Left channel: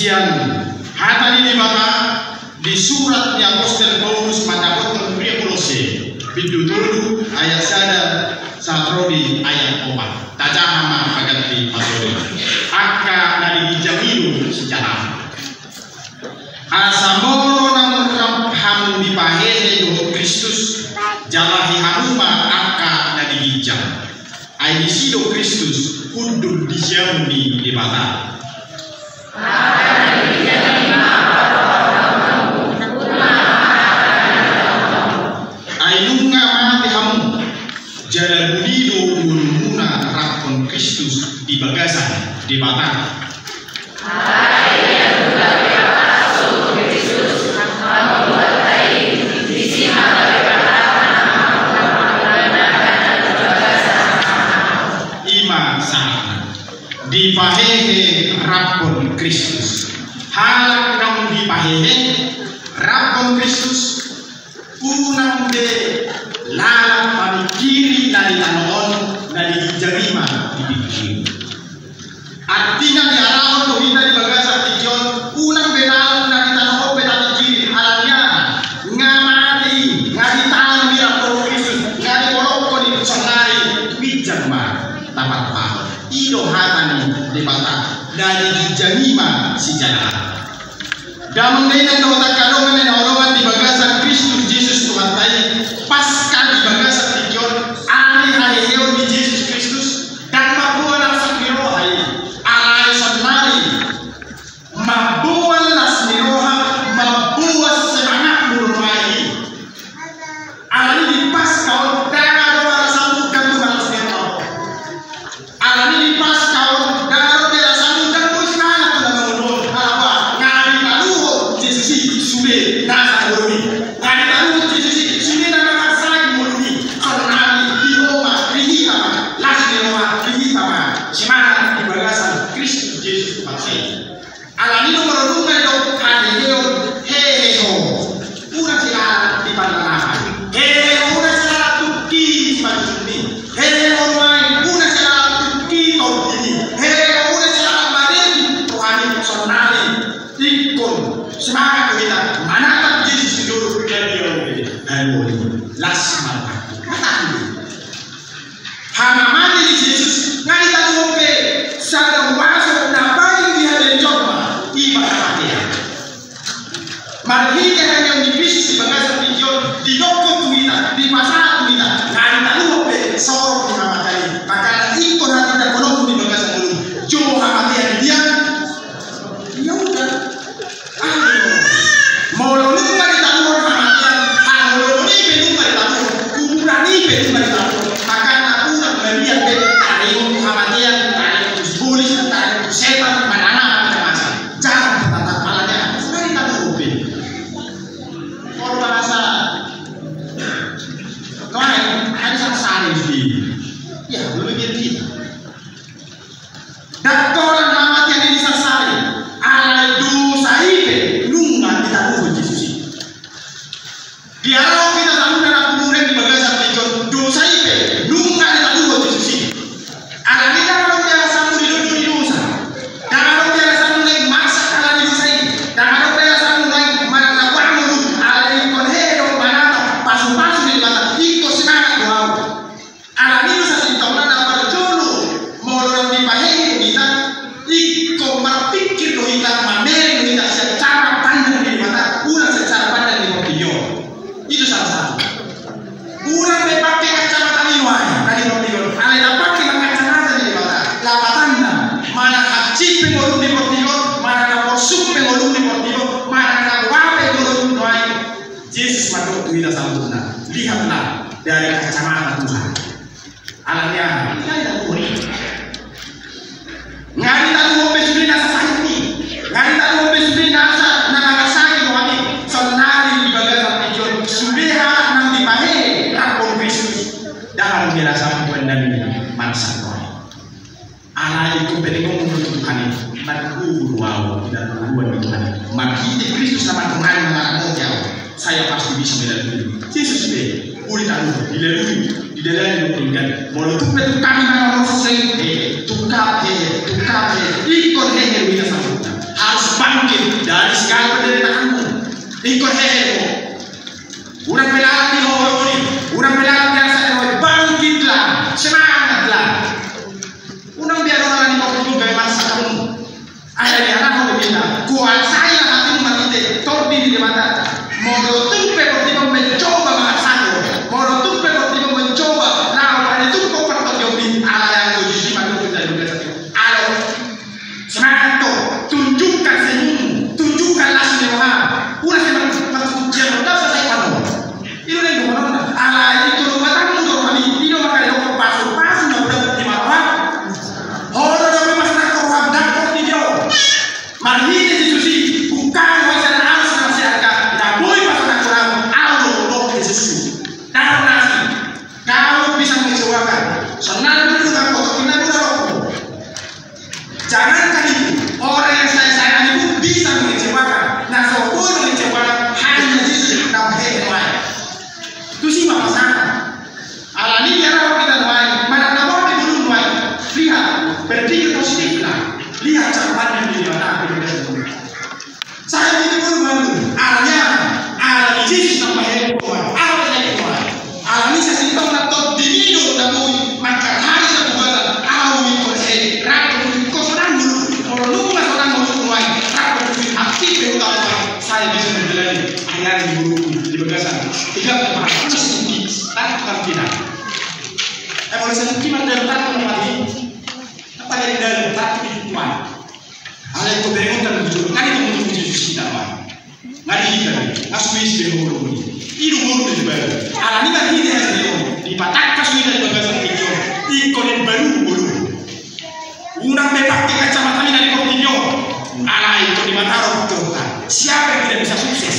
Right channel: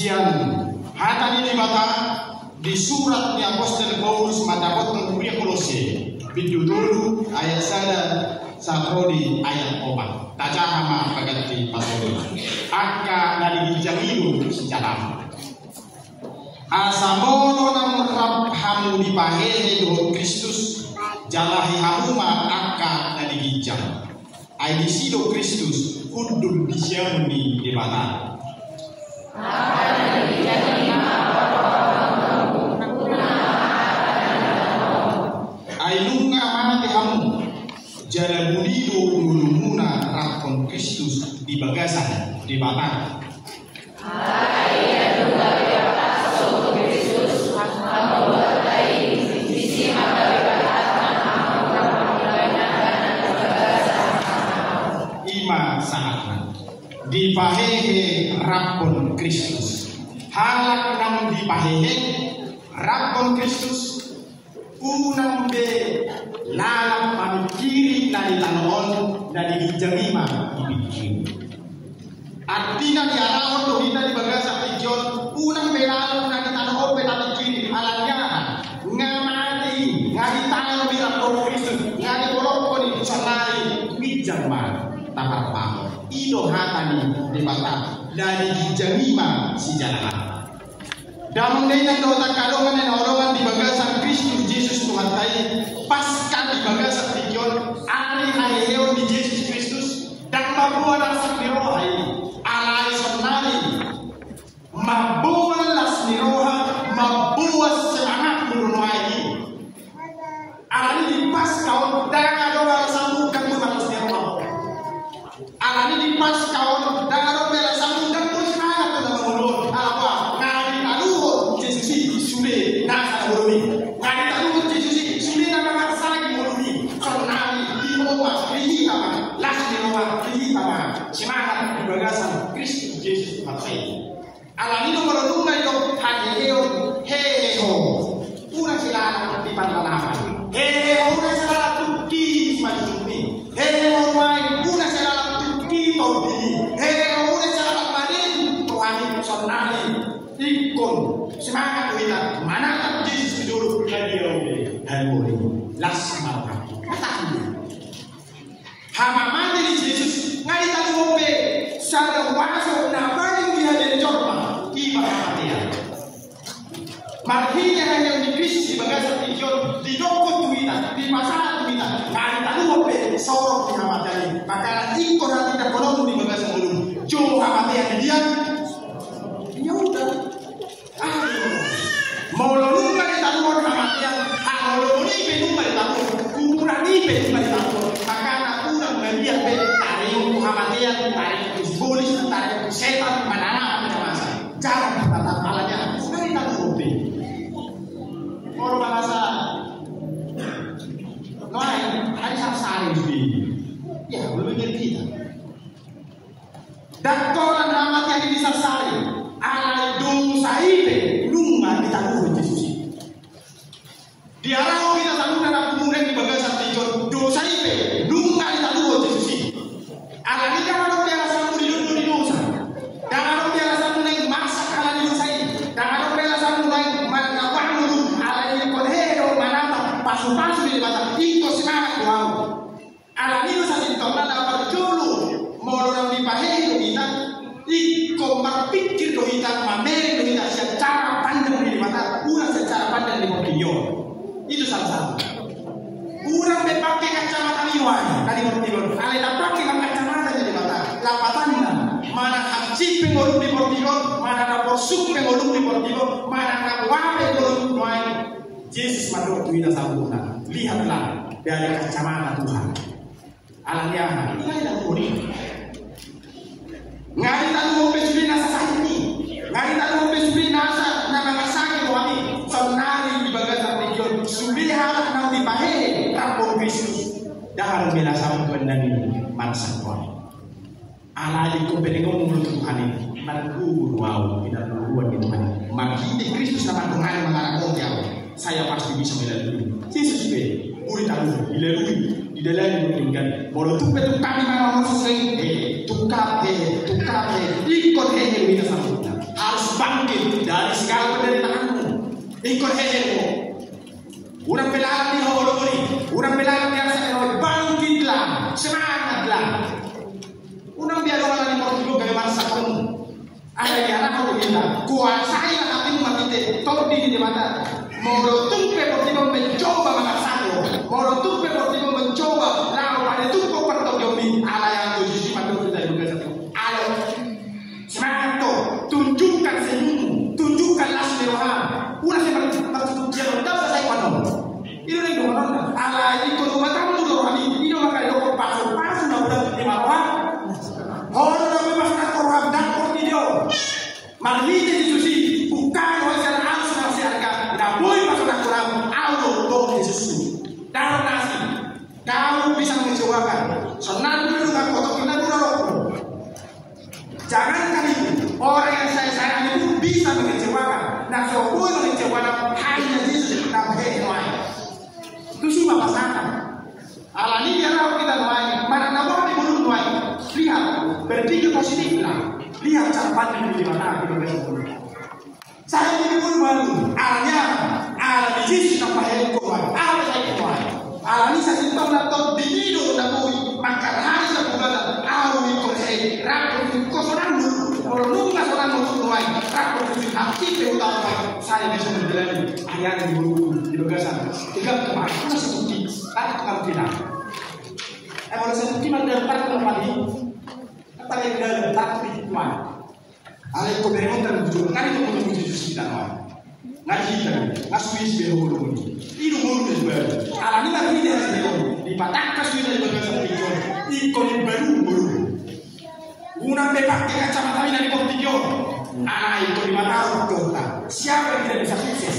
siang hatani ni mata di surat ni Apostel Paulus pada kotor pria Kolose bidudulu ayat sada satrodi ayat 4 tajahama agati pasori akka dari jamilu sejarah asamoro nam hamu dipahehe do Kristus jalahi hamuma akka dari hijau ai disido Kristus kudu dijamni di mata ainunga mati hamu jalan bulido gulumuna rakon Kristus di bagasan di mata dipahehe rakon Kristus halak nang dipahehe rakon Kristus unang de lalak pamikiri dari tanon dari jarima dipikir artinya di arahon to kita di bagasa tijon unang de lalak dari tanon dari kiri alatnya ngamati ngadi tangan di rakon Kristus ngadi kolokon di sonai bijama tapat pa ido hatani di bata dari janima si jana damang dainan no takalongan na orongan di bagasan Kristus Jesus tumatay pasca di bagasan tiyon ari haheo di Jesus Kristus dan mabuan ang sakniro ay alay sonari mabuan las niroha mabuas semangat murungai ari di pasca on danga doa sambukan tumalas niroha ari di pasca dari kacamata Tuhan. Alatnya kita tidak boleh. Ngari tahu mau besuri nasa sakit, ngari tahu mau besuri nasa nama sakit kami. Sonari di bagasan pijon sudah nanti pahe rakon Kristus dalam merasa pandemi masa Tuhan. Anak itu penting untuk Tuhan itu. Baru wow tidak buat Tuhan. Maki Kristus sama Tuhan melakukan jauh. Saya pasti bisa melalui. Yesus be. Uri tahu, di dalam mungkin mau tumpah tu kami nak mau selesai, tukar, ikut yang kita sebut harus bangga. berbeda. Kuasai hatimu matite, tordi di mata. Modo tupe pertiba mencoba mengasah, modo tupe pertiba mencoba. Nah, pada itu kau pertama diomongin ala yang kau jujur pada kita juga satu. Ala semangat tu, tunjukkan senyum, tunjukkanlah senyuman. Udah semangat ujian udah selesai panu. Itu yang orang ala itu rumah tamu tu kami. Itu makanya kau pasuk nggak dapat di mana. Orang dapat masalah korban dan kortideo. Mari diskusi bukan wajah harus nasi harga. Tidak boleh masalah kurang. Auto untuk diskusi. Taruh nasi. Kau bisa mengecewakan. Senang dulu dengan foto kita dulu. Jangankan itu. Orang yang saya sayang itu bisa mengecewakan. Nah, sepuluh mengecewakan hanya Yesus dalam hati lain. Itu sih masalah. Alami biar kita main. Mana nama di dulu main. Lihat, berpikir positif lah. Lihat catatan di mana. Saya ini pun bantu. Alami Yesus nama yang kuat. Alami kuat. Alami saya sinta untuk diminu dalam makan hari satu bulan. Alami kuat saya. Rakyat kau senang dulu. Kalau lu nggak senang mau main. Rakyat hati berutama. Saya bisa menjalani ayat di buku di bagasan. 3 tempat meski tak tidak. Kalau saya kimat dalam tak tempat ini. Apa yang dalam tak kuat. Hal itu berenggan begitu. Kan itu untuk Yesus kita mah. Nggak diikat. Nggak suwis di umur ini. Ini umur itu baru. Alami kan ini hasilnya. Di patak kasih dari bagasan hijau. Ikonin baru bulu. Unang pakai kacamata ini dari portillo. Itu di mana harus Tuhan. Siapa yang tidak bisa sukses?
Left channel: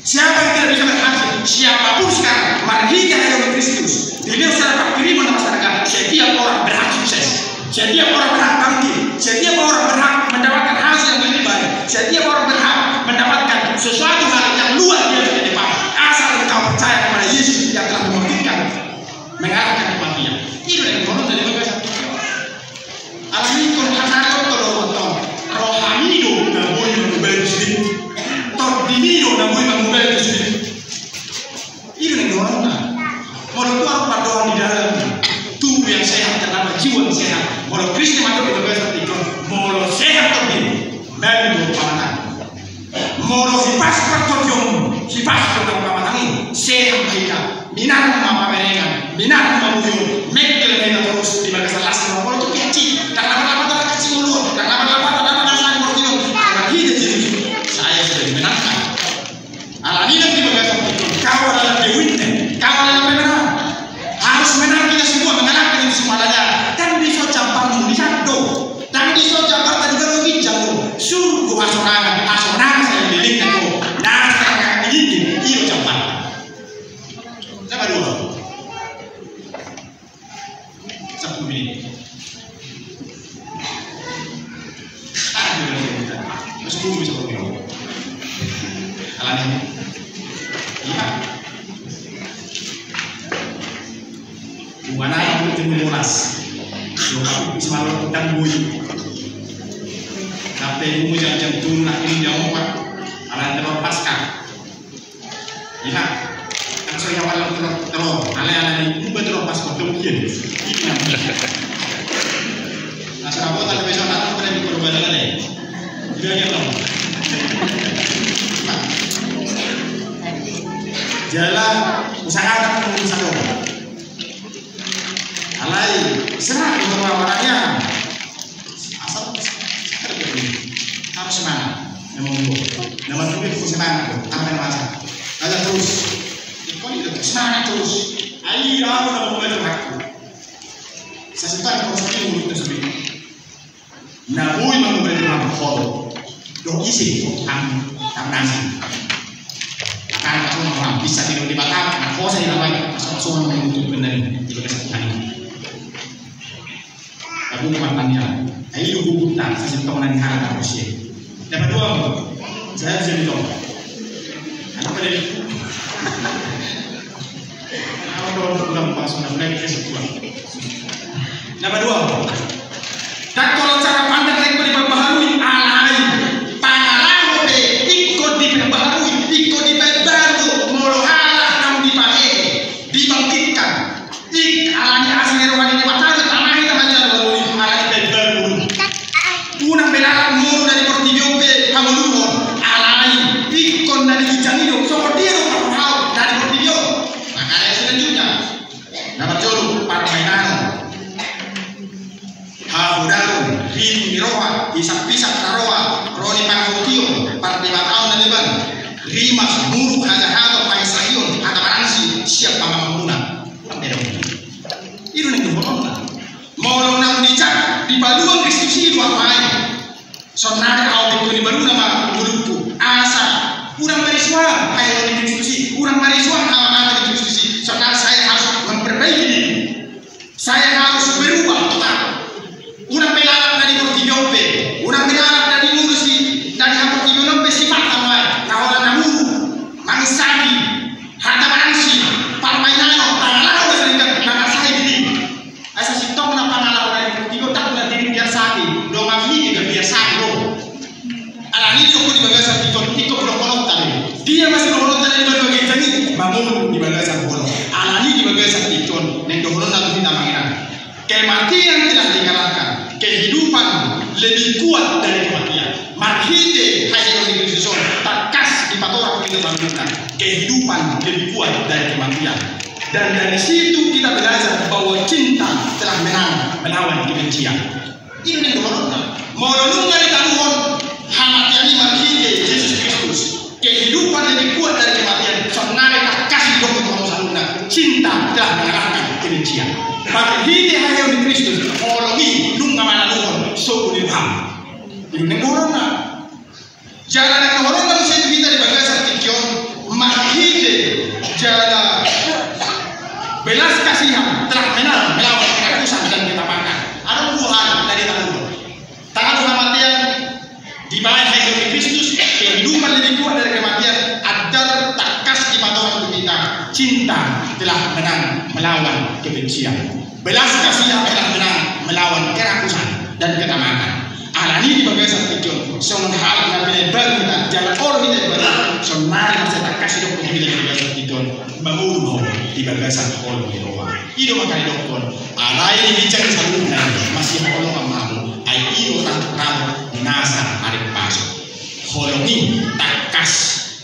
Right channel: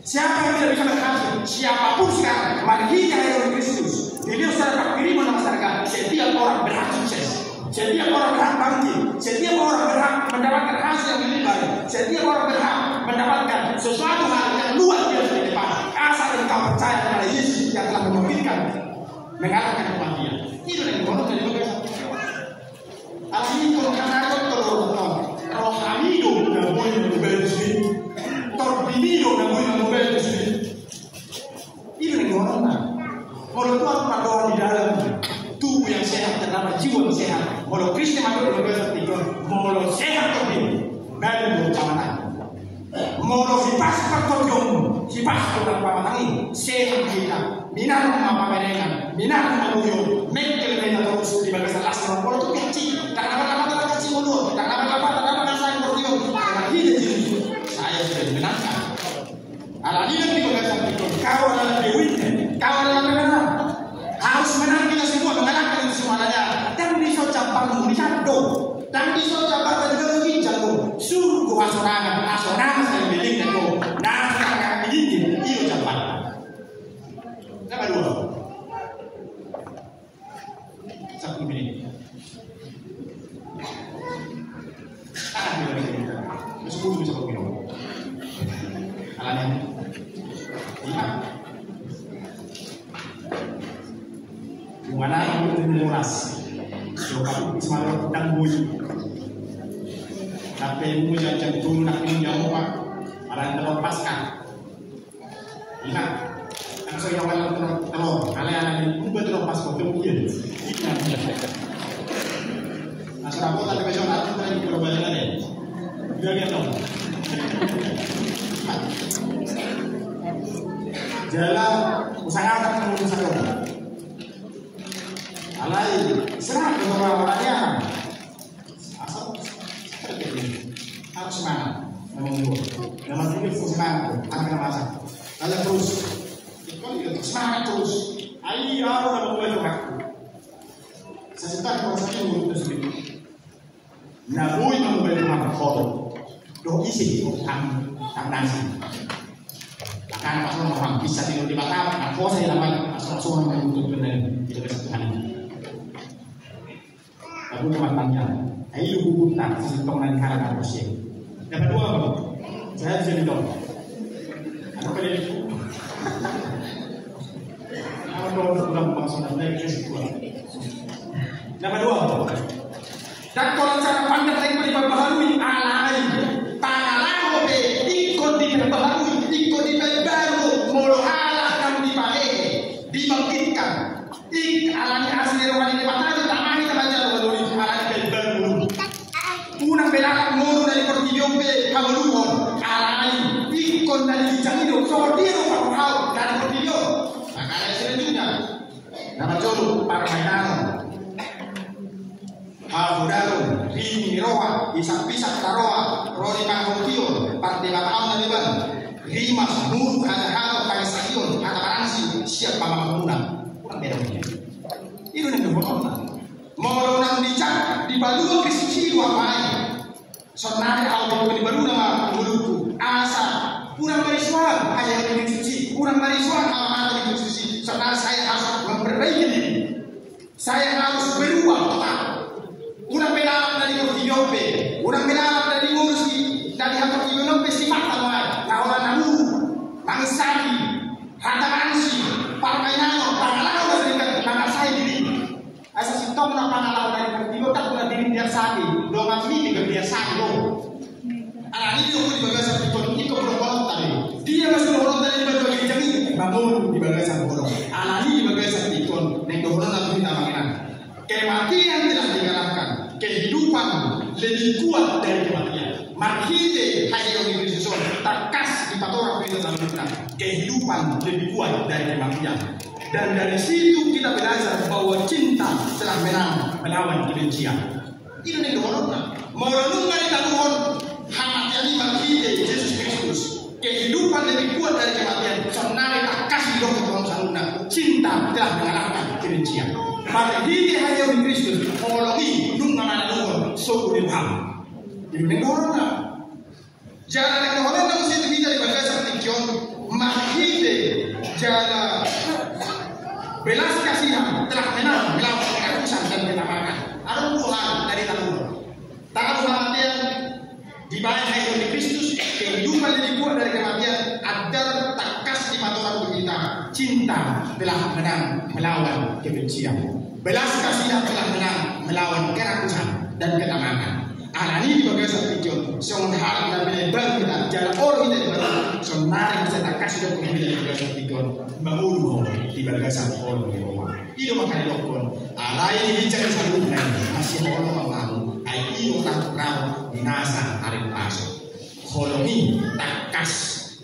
Siapa yang tidak bisa berhasil? Siapapun sekarang. Marhinya dari Kristus. Dilihat secara kiri mana masyarakat. Setiap orang berhak sukses. Setiap orang berhak bangkit. Setiap orang berhak mendapatkan hasil yang lebih baik. Setiap orang berhak mendapatkan sesuatu hal yang luar biasa di depan. Asal engkau percaya kepada Yesus yang telah membangkitkan, mengalahkan kematian. Itu yang orang dari bagasan. Alami korbanado kalau rohanido na boleh mengubah diri. Tordinido na boleh mengubah diri. Itu yang orang. Kalau itu orang berdoa di dalam tubuh yang sehat terdapat jiwa yang sehat. Kalau Kristus masuk di bagasan itu, mau sehat terdiri. Dari dua pamanan. Mau sipas pertolong, sipas pamanan ini sehat mereka. Minat mama mereka, minat mama buyut, mengkel mereka terus di bagasan asal. Kalau itu kecil, karena apa kecil dulu, karena apa saya pertolong, karena hidup jadi saya sudah dimenangkan. Alami yang di bagasan itu, kau adalah dewinnya, kau adalah pemenang. Harus menang kita semua mengalahkan itu semuanya. Dan bisa campur lihat dong. Dan bisa campur tadi kan mungkin jauh. Suruh asorangan saya beli kan kok. Nah sekarang ini iyo campur. Nama dua. 10 menit. Ada juga yang kita. Masuk dulu bisa bergerak. Alami. Iya. Mana yang untuk mengulas, so kami bisa malam dan bui. Tapi ibu jam turun nak ini jam 4, alam teror pasca. Lihat, kan saya awal teror, ala ini teror pasca termungkin. Ini namanya. Nah, serabot ada besok nak ada di perubahan ada. Tidak ada dong. Jalan usahakan mengusahakan. Alai, serah untuk orang-orangnya. Asal harus semangat. Nama dulu semangat. Apa yang masa? Lalu terus. Semangat terus. Ayo, aku nak membantu aku. Saya suka kalau saya ingin untuk seperti ini. Nabui membantu aku. Dok isi, nasi. Karena orang bisa tidur di batang. Aku saya namanya. Asal semua untuk benar itu kesempatan ini. Aku mantannya, ayo dulu tak sesuatu dengan cara manusia. Yang kedua, saya jadi dong. Apa dari itu? Kalau dong langsung naik ke situ. Yang kedua, dan kalau cara pandang mereka diperbaharui, alai, pangalang oke, ikut diperbaharui, ikut diperbaru, molohalah namun dipakai, dibangkitkan, alanya asli rohani di mata. Unang benar mulu dari Portillo ikon dari ijani dong, so dia dong kalau dari video. Makanya selanjutnya, nama jolu para mainan, habudaru, rim miroa, isak-isak taroa, roni pangutio, para 5 tahun dan lebar, rimas muru haja-haja paisayun, hata baransi siap pamamuna, kurang beda. Itu yang kedua. Mau nang dicak di baluan Kristus itu apa aja? Sonare au di baru nama mulutku asa kurang marisuan ayat di Kristus, kurang marisuan apa di Kristus. Sonare saya harus memperbaiki diri. Saya harus berubah total. Kurang melalap dari portiyope, kurang melalap dari ngurusi dari apa portiyope sifat tamai. Kahwala namuru, mangsaki, harta baransi, parmainano, tangalau dari kata saya diri. Asa si tong na pangalau dari portiyo tak na diri biar sakit. Do mami juga biar sakit do. Alani do ko di bagasa iko kolot tadi. Dia masih kolot tadi di bagai jani bangun di bagasa kolot. Alani di bagasa ikon neng do kolot na kita mengira. Kematian telah dikalahkan. Kehidupan lebih kuat dari kematian. Marhite hanya di Kristus takas di patora kita sambungkan. Kehidupan lebih kuat dari kematian. Dan dari situ kita belajar bahwa cinta telah menang melawan kebencian. Ini yang kedua. Mau dari Tuhan hamatiani marhite Yesus Kristus. Kehidupan lebih kuat dari kematian. Sonare tak kasih dong Tuhan saluna. Cinta telah mengalahkan kebencian. Marhite hanya di Kristus. Mologi nunga malaluhon so unibam. Ini yang kedua. Jalan yang kedua mesti kita di bagasa tikyon marhite jalan belas kasihan telah menang melawan kerakusan dan ketamakan. Ada Tuhan dari tangan kematian di bawah hidup di Kristus. Kehidupan lebih kuat dari kematian adalah takas di paduan kita. Cinta telah menang melawan kebencian. Belas kasihan telah menang melawan kerakusan dan ketamakan. Alani di bagian satu son hal na pinagbago na jalan orang kita baru son mari sa takas dok ko di bagian satu mamulu di bagasan orang di luar. Ido makai dokon. Alai di bicara sabuna masih holong amamu. Ai ido tak rau dinasa arek paso. Holongi takas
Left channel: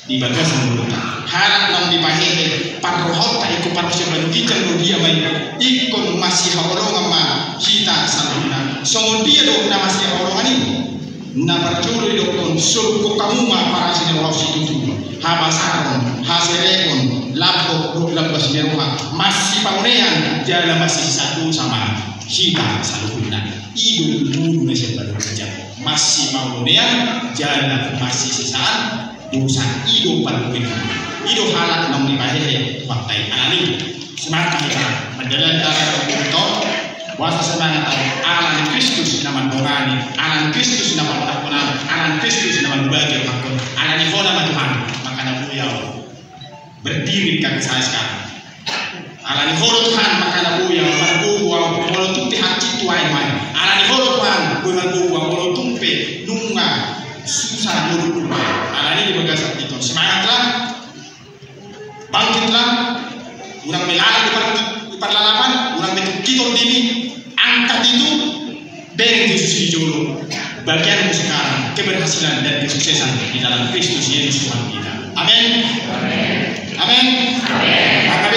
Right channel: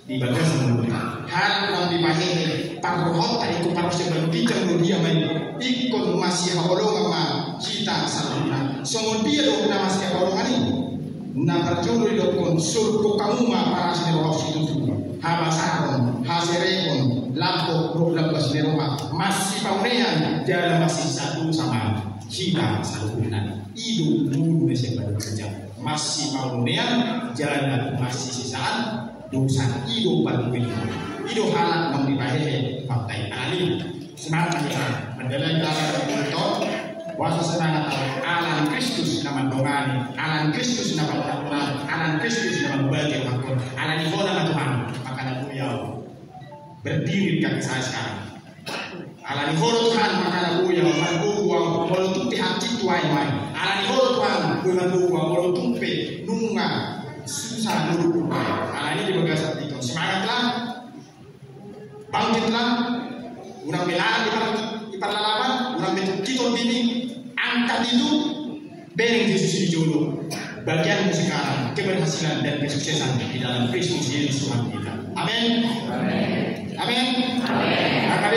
di bagasan mulut. Harap nang dipahehe panrohot ta iku paros yang banukikan dia main. Ikon masih holong ama kita sabuna. So dia dok na masih holong ani. Na parjuri dokon surko kamuma para sini orang situ. Habasaron, haserekon, lapo, 12 merumah masih paunean jalan masih satu sama kita salukunan idu dulu nasi baru kerja masih paunean jalan masih sisaan dosa idu baru idu halat nong dipahehe faktai alani semangat kita mendalam darah untuk wasa semangat alan Kristus nama dongani alan Kristus nama takunan alan Kristus nama bagai hakun alan ikhona Tuhan makanya beliau berdiri di kaki saya sekarang. Alani holo Tuhan makana buya manbu wa holo tumpe hati tuai mai. Alani holo Tuhan bu manbu wa holo tumpe nunga susah nuru mai. Alani di bagasat itu semangatlah, bangkitlah, urang melala di parlalapan, urang betul kitol dini, angkat itu, bereng Yesus di jolo. Bagian sekarang keberhasilan dan kesuksesan di dalam Kristus Yesus Tuhan kita. Amin. Amin. Amin. Maka